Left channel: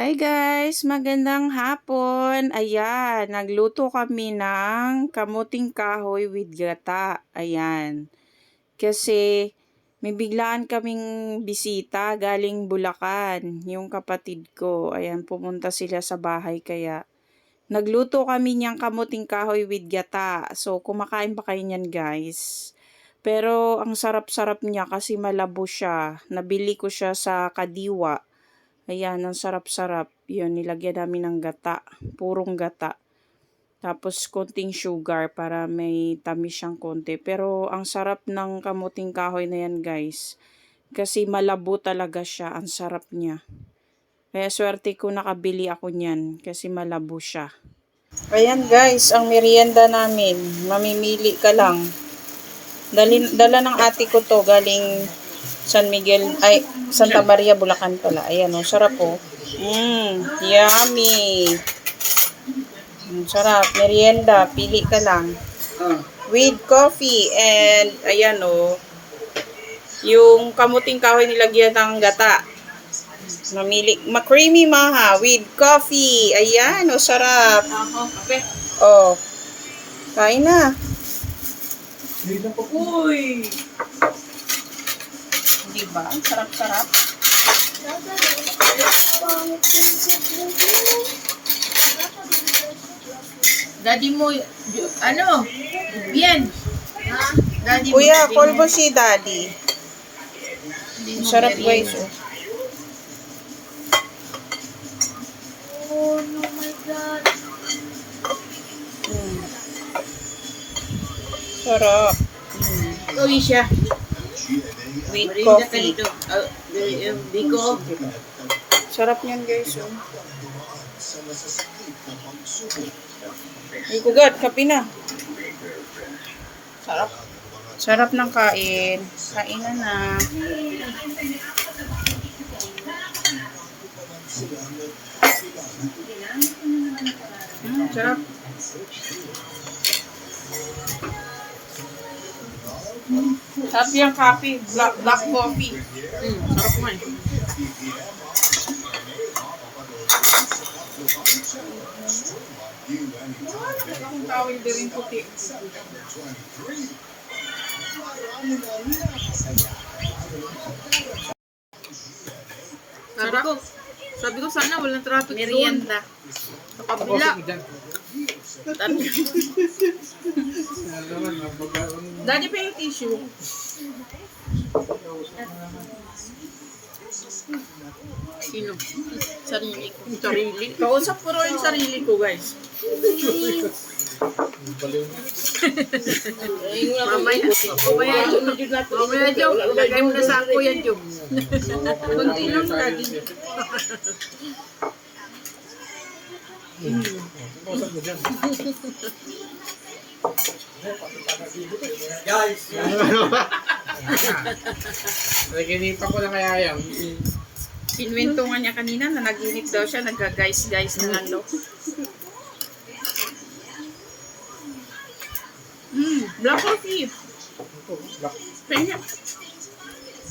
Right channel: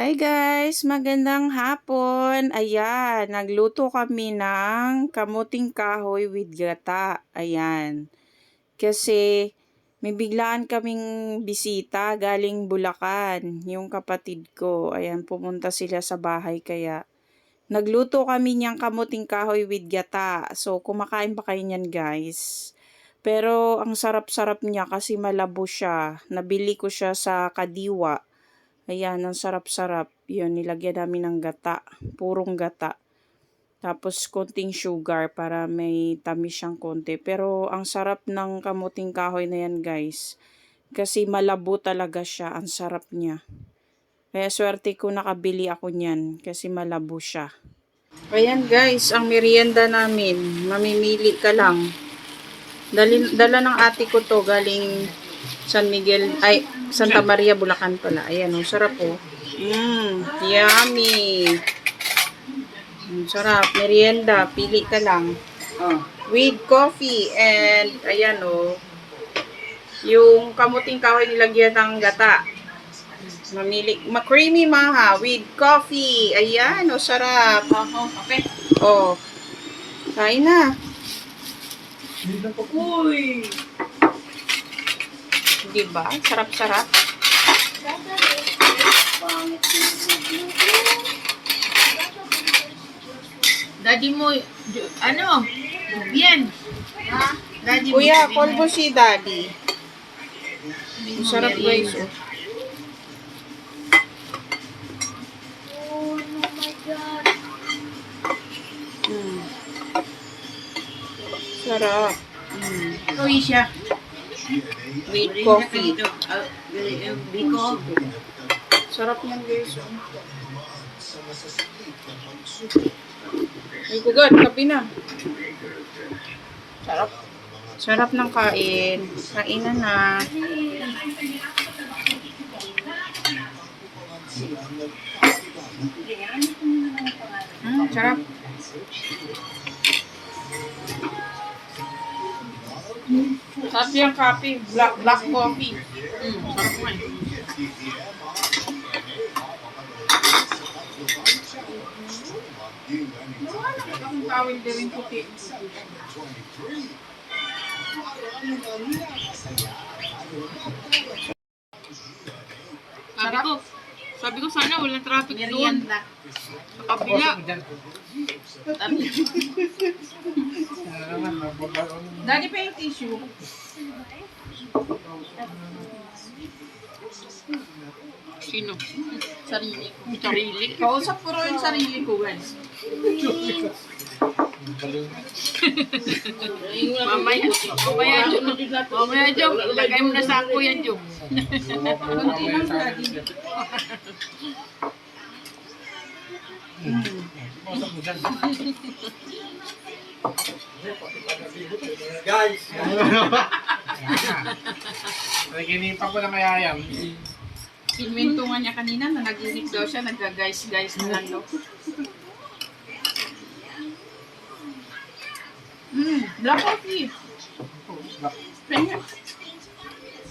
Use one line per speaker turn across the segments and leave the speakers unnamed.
Hi guys, magandang hapon. Ayan, nagluto kami ng kamuting kahoy with gata. Ayan. Kasi may biglaan kaming bisita galing Bulacan, yung kapatid ko. Ayan, pumunta sila sa bahay kaya nagluto kami niyang kamuting kahoy with gata. So, kumakain pa kayo niyan guys. Pero ang sarap-sarap niya kasi malabo siya. Nabili ko siya sa Kadiwa. Ayan, ang sarap-sarap. Yun, nilagyan namin ng gata. Purong gata. Tapos, konting sugar para may tamis siyang konti. Pero, ang sarap ng kamuting kahoy na yan, guys. Kasi malabo talaga siya. Ang sarap niya. Kaya, swerte ko nakabili ako niyan. Kasi malabo siya. Ayan, guys. Ang merienda namin. Mamimili ka lang. Dali, dala ng ate ko to galing San Miguel, ay, Santa Maria, Bulacan pala. Ayan, oh, sarap oh. Mmm, yummy. Mm, sarap, merienda, pili ka lang. With coffee and, ayan oh, yung kamuting kahoy nilagyan ng gata. Mamili, ma-creamy maha with coffee. Ayan, oh, sarap.
Ako, kape.
Oh, kain na.
Uy!
Diba? Sarap-sarap.
Daddy mo, ano? Bien. Daddy
Kuya, call
mo.
si daddy. Ang sarap guys. Oh.
Oh no my god.
Mm. Sarap. Mm.
Uy siya.
With coffee.
Biko.
Sarap niyan guys. Oh. Ay, kugat, kape na. Sarap. Sarap ng kain. Kain na na. Mm, sarap. Sarap yung coffee. Black, black coffee.
Mm, sarap man.
Akong tawil din rin puti.
Sabi ko, sabi ko sana walang traffic Merienda. Sa kabila. Sabi ko,
Daddy pa yung tissue.
Sino? Sarili ko. Sarili.
Kausap ko rin yung sarili ko, guys.
Mamaya. Mamaya, Jom. Mamaya, Jom. Lagay mo na sa ako yan, Jom.
Kunti lang, daddy.
Naginipan ko na kaya yan.
Pinwento nga niya kanina na naginip daw siya, nagga-guys-guys na lang daw. Mm, black coffee.
Black.
Kaya,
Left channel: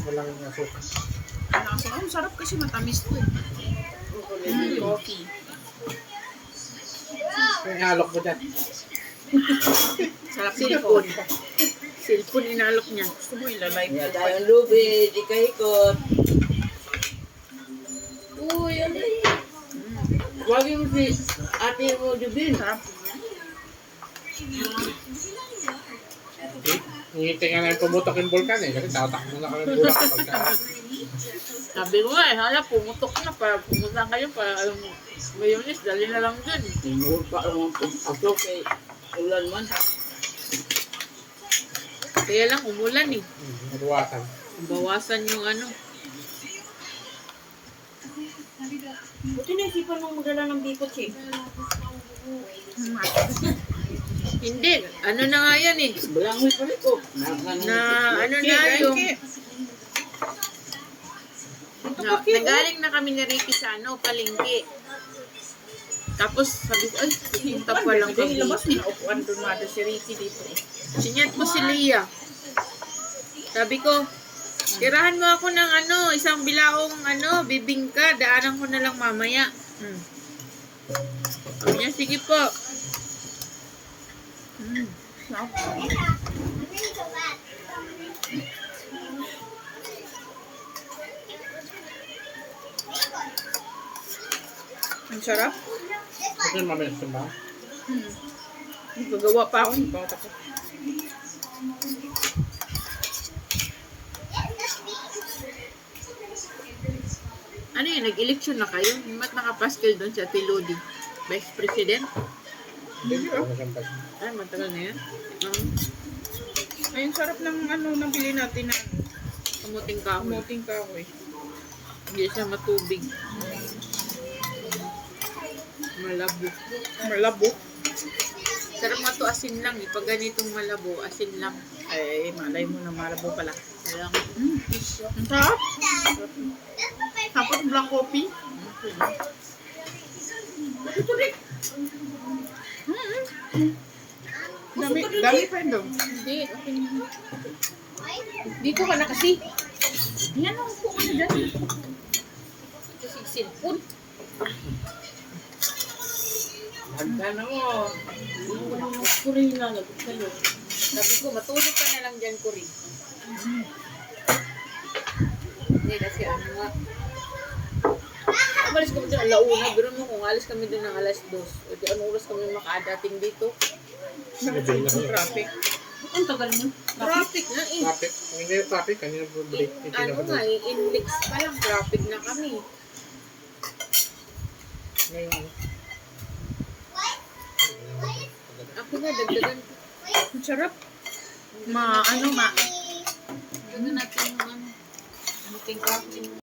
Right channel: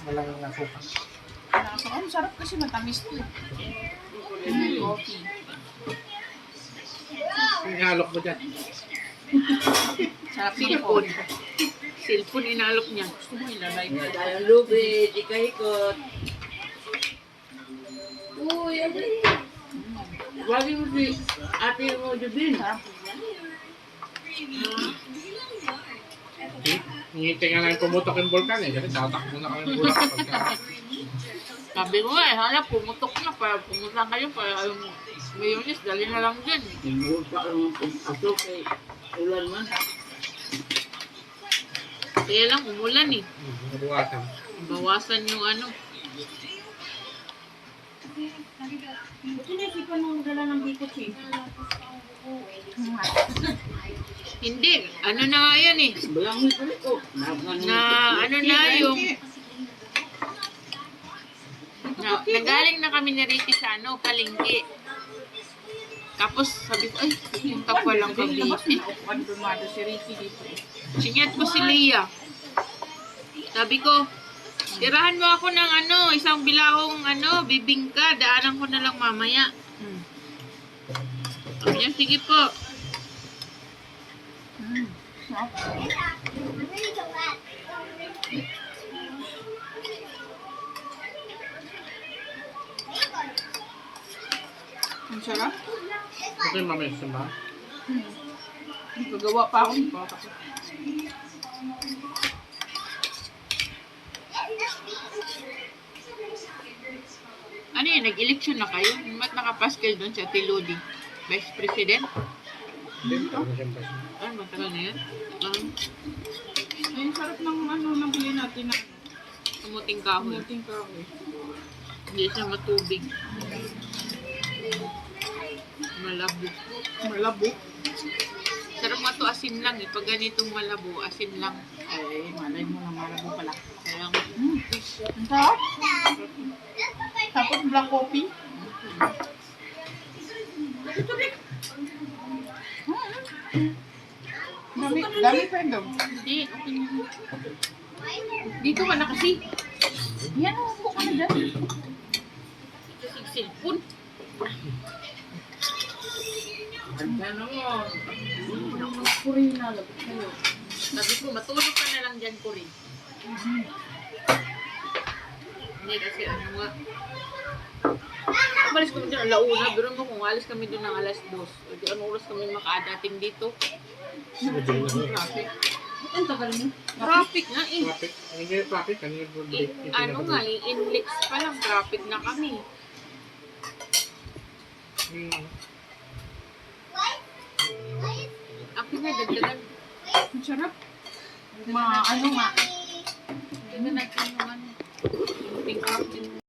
Walang nasuka.
Nasa, oh, sarap kasi matamis to eh. Mm, coffee.
Yung halok mo dyan.
Sarap
Silpon.
silpon.
Inalok niya.
Gusto mo ilalay mo.
Tayong lubid, di kahikot.
Uy, ano yun?
Wagi mo si ate mo, Jubin.
Sarap.
Ngiti nga na yung pumutok yung vulkan eh. Kasi tatakbo na kami bulak pagka.
Sabi ko nga eh, hala, pumutok na para pumunta kayo para yung mayonis, dali na lang dun.
Tinuro pa ang aso kay ulan man.
Kaya lang, umulan eh.
Nabuwasan.
Bawasan yung ano.
Buti na isipan mong magdala ng bikot eh.
Hindi, ano na nga yan eh.
Balanghoy pala ko. Nakan
Na ano na yung... Na, nagaling na kami ni Ricky sa ano, palengke. Tapos sabi ko, ay, pupunta pa lang
Hindi, labas
Cavite.
na. Upuan dumado si Ricky dito eh.
Sinyat ko si Leah. Sabi ko, Tirahan mo ako ng ano, isang bilahong ano, bibingka. Daanan ko na lang mamaya. Hmm. Sabi niya, sige po. Hmm.
Ang sarap.
Ito yung mamaya sa ba?
Gagawa pa ako. Pa ako tapos.
Ano yun, nag-election na kayo? Ba't nakapaskil doon sa Tiludi? Vice President?
Hindi ko.
Ay, matagal na yun. Um,
Ayun, sarap ng ano, nabili natin na
kumuting kahoy.
kamuting kahoy.
Hindi siya matubig. Malabo.
Malabo.
Sarap nga to asin lang eh. Pag ganitong malabo, asin lang.
Ay, malay mo na malabo pala.
Kaya
Ang sarap. Tapos black coffee. Ito rin. Dami, dami pa yun.
hindi, okay na.
Dito ka na kasi. Yan, upo ka na dyan.
Ito si
Handa na mo.
Puri na, lagot kayo.
Sabi ko, matulog ka na lang dyan ko rin. Hindi kasi ano nga. Umalis kami doon alauna. Pero mo kung alis kami doon ng alas dos. O di ano oras kami makadating dito.
Traffic.
Ang tagal mo.
Traffic na eh.
Traffic. Hindi traffic. Kanina po break.
In, ano nga eh, inlex pa lang. Traffic na kami.
Ngayon ano?
Nga, dagdagan.
Ang sarap. Ma, ano ma,
Dagdagan natin yung ano. Pink up.